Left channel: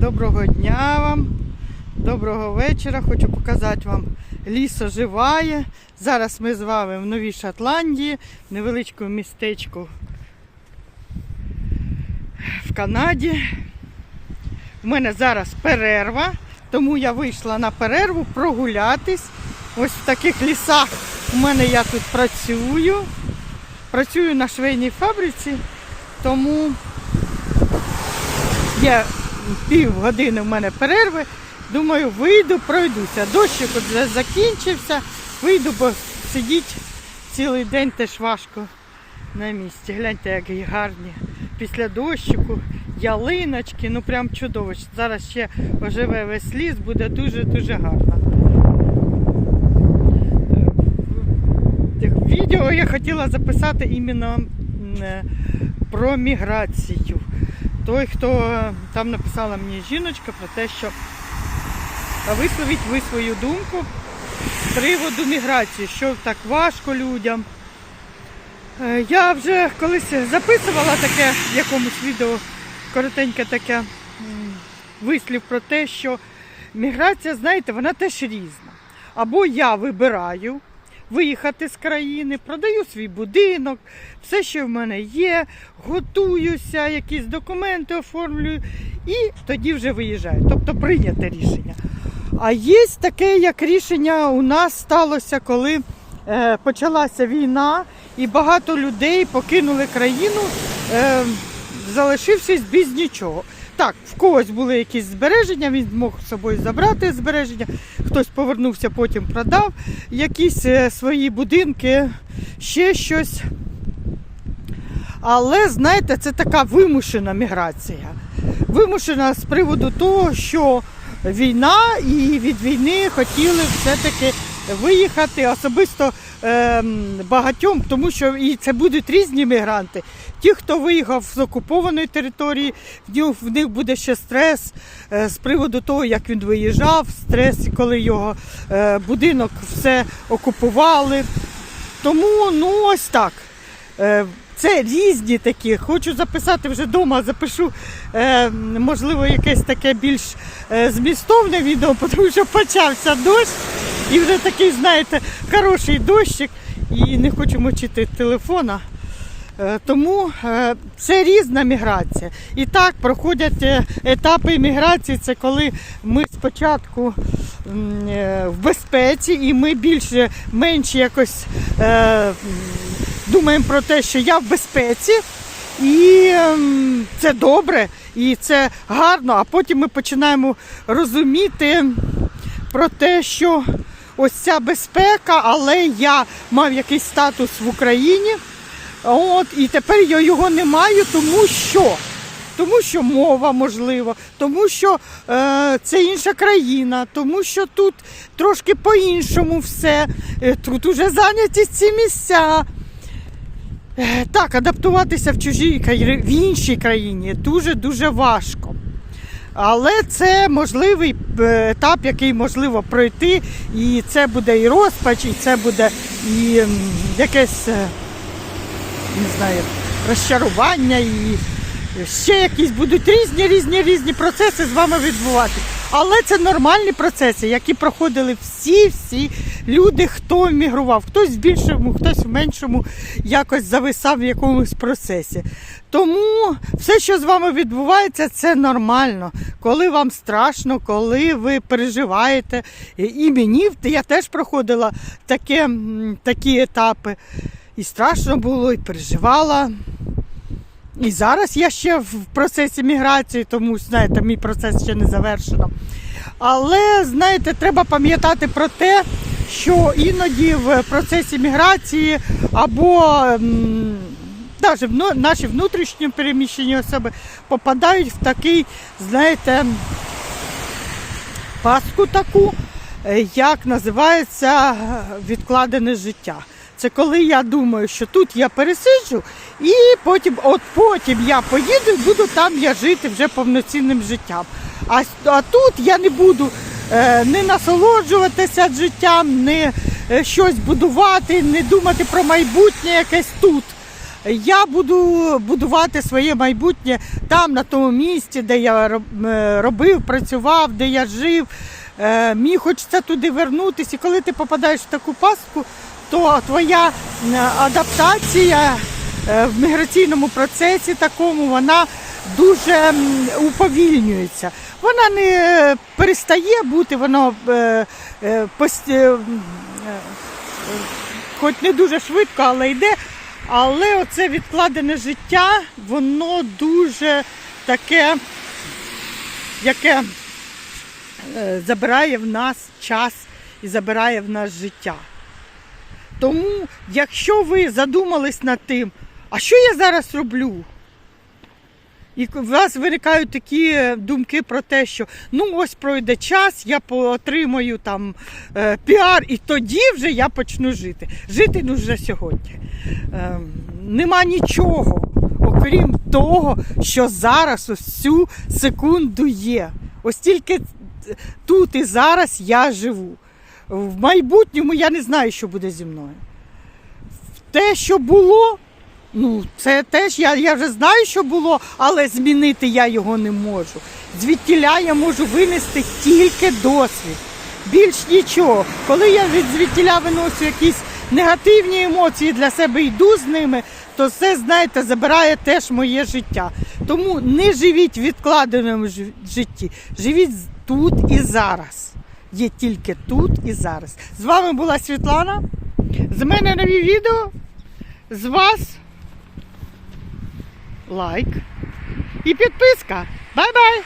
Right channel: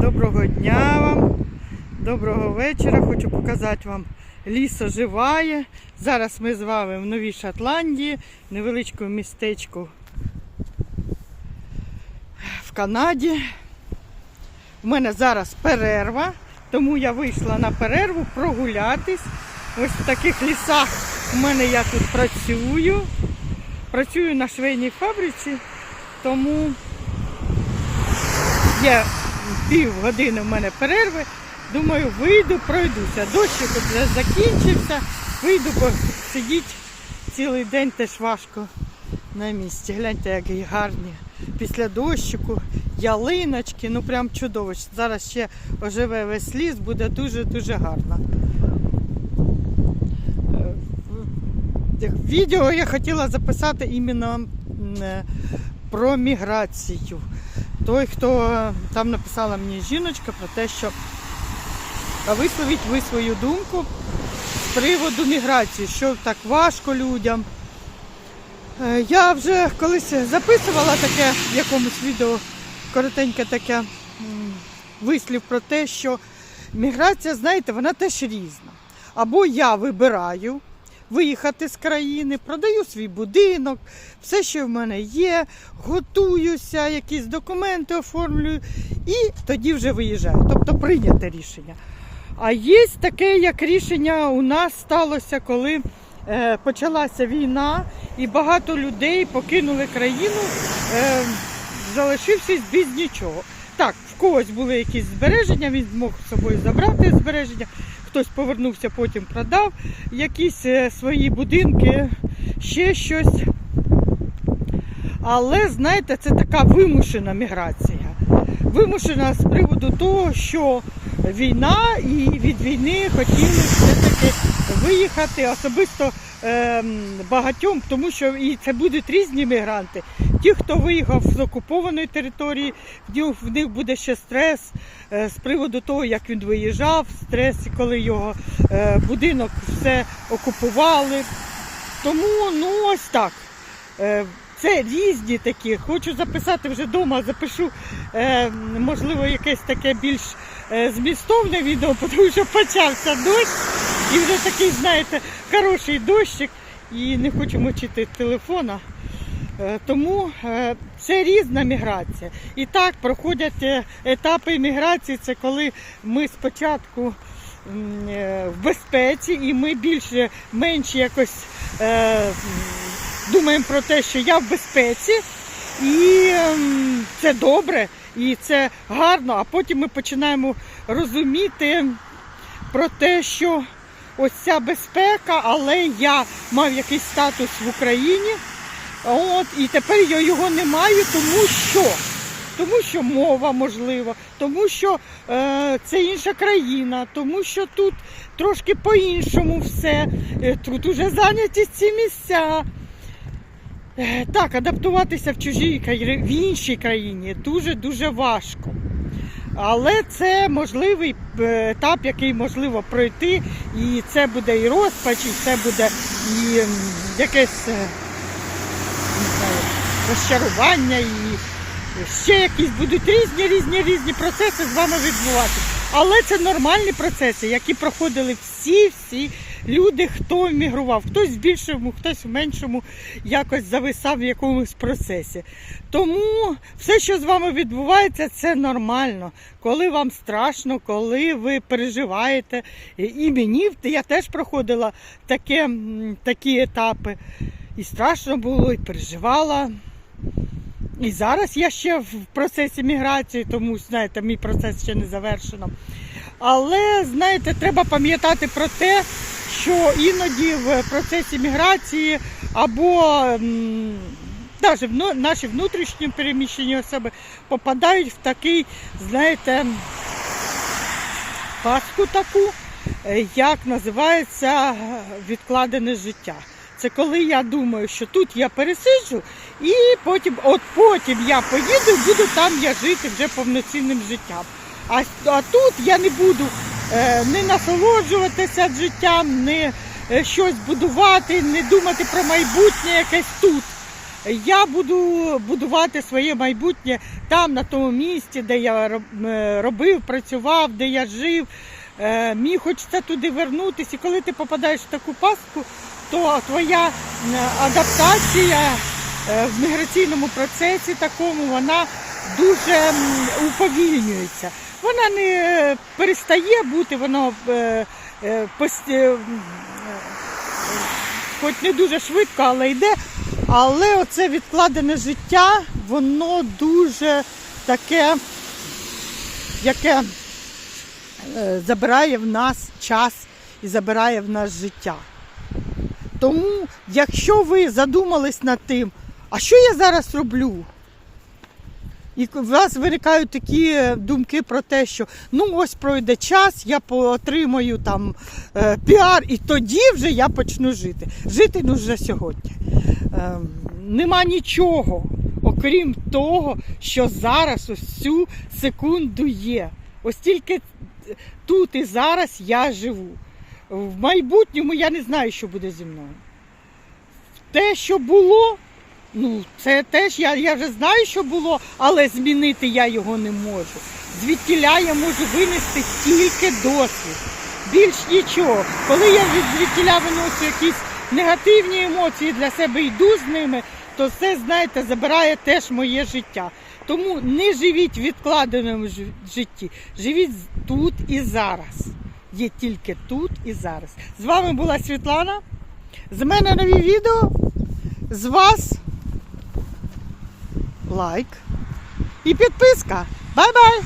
Доброго дня вам, доброго вечора. Хочу показати вам ліс оживає. Зараз ми з вами в Новій Шотландії, невеличкому містечку в Канаді. У мене зараз перерва, тому я вийшла на перерву прогулятись. Ось в таких лісах у мене я тут працюю. Працюю на швейній фабриці, тому є пів години в мене перерви. Думаю, вийду, пройдуся. Дощик вже закінчився. Вийду, бо сидіть цілий день теж важко на місці. Гляньте, як гарні. Після дощику, ялиночки, ну прям чудово. Зараз ще оживе весь ліс, буде дуже-дуже гарно. Е, Відео я хотіла записати іменно е, про міграцію. Той, хто е, там написала мені жіночка про те, що висловіть ви свою думку з приводу міграції, що так важко людям. Е, Я вже колись записувала таке в якомусь відео коротеньке таке вислів про те, що міграція, знаєте, вона теж різна. Або я вибираю виїхати з країни, продаю свій будинок, все, що в мене є, готуюся, якісь документи оформлюю і тоді вже виїжджаю. Тобто прийняте рішення. А є таке, як рішення у нас сталося, коли е, почалася війна, і багато людей покинули країну, е, залишившись без нічого. Так, в когось були якісь збереження, він змог з собою забрати збереження, хтось повернувся, потім продав якісь е, свої будинки, ще щось. Але знаєте, це така вимушена міграція. Вимушена з приводу того, що війна і від війни хотіли все-таки виїхати особисто багатьом, тому що і це будуть різні мігранти. Ті, хто виїхав з окупованої території, в них, буде ще стрес е, з приводу того, як він виїжджав, стрес, коли його е, будинок все окупували. Тому ну ось так. Е, Це різні такі. Хочу записати вже вдома, запишу, можливо, якесь таке більш змістовне відео, тому що почався дощ. І вже такий, знаєте, хороший дощик. І не хочу мочити телефона. Е, Тому е, це різна міграція. І так проходять е, етапи міграції. Це коли ми спочатку в безпеці і ми більше менше якось думаємо про те, що я в безпеці. І ем, це добре, і це гарно. А потім ми починаємо розуміти про те, що ось ця безпека, але я мав якийсь статус в Україні. От, і тепер я його не маю, тому що. Тому що мова можливо, тому що е, це інша країна, тому що тут трошки по-іншому все. Е, тут уже зайняті ці місця. Е, Так, адаптуватися в чужій в іншій країні дуже-дуже важко. Але це можливий е, етап, який можливо пройти, і це буде і розпач, і це буде і якесь е, не знаю, розчарування, і ще якісь будуть різні, різні, різні процеси з вами відбуватися. Але це нормальні процеси, які проходили всі-всі люди, хто мігрував, хтось в більшому, хтось в меншому якось зависав в якомусь процесі. Тому все, що з вами відбувається, це нормально. Коли вам страшно, коли ви переживаєте. І- мені я теж проходила таке, такі етапи. І страшно було, і переживала. І зараз я ще в процесі міграції, тому знаєте, мій процес ще не завершено. Але знаєте, треба пам'ятати про те, що іноді в процесі міграції або навіть наші внутрішні переміщені особи попадають в такий, знаєте, пастку таку, е, як називається відкладене життя. Це коли я думаю, що тут я пересиджу, і потім, от потім я поїду, буду там я жити вже повноцінним життям. А, а тут я не буду не насолоджуватися життям, не е, щось будувати, не думати про майбутнє якесь тут. я буду будувати своє майбутнє там, на тому місці, де я е, робив, працював, де я жив. Е, Мені хочеться туди вернутися. І коли ти попадаєш в таку пастку, то твоя е, адаптація е, в міграційному процесі такому вона дуже уповільнюється. Вона не е, перестає бути, воно е, е, е, е, хоч не дуже швидко, але йде. Але оце відкладене життя, воно дуже таке, яке е, забирає в нас час і забирає в нас життя. Тому, якщо ви задумались над тим, а що я зараз роблю? І у вас виникають такі думки про те, що ну ось пройде час, я отримаю там е, піар, і тоді вже я почну жити. Жити ну вже сьогодні. Е, нема нічого, окрім того, що зараз ось цю секунду є. Ось тільки тут і зараз я живу. В майбутньому я не знаю, що буде зі мною. Те, що було, ну, це теж я, я вже знаю, що було, але змінити я його не можу. Звідтіля я можу винести тільки досвід. Більш нічого. Коли я від звідтіля виношу якісь негативні емоції для себе йду з ними, то це, знаєте, забирає теж моє життя. Тому не живіть в відкладеному житті, живіть тут і зараз. Є тільки тут і зараз. З вами була Світлана. З мене нові відео. З вас лайк і підписка. Бай-бай!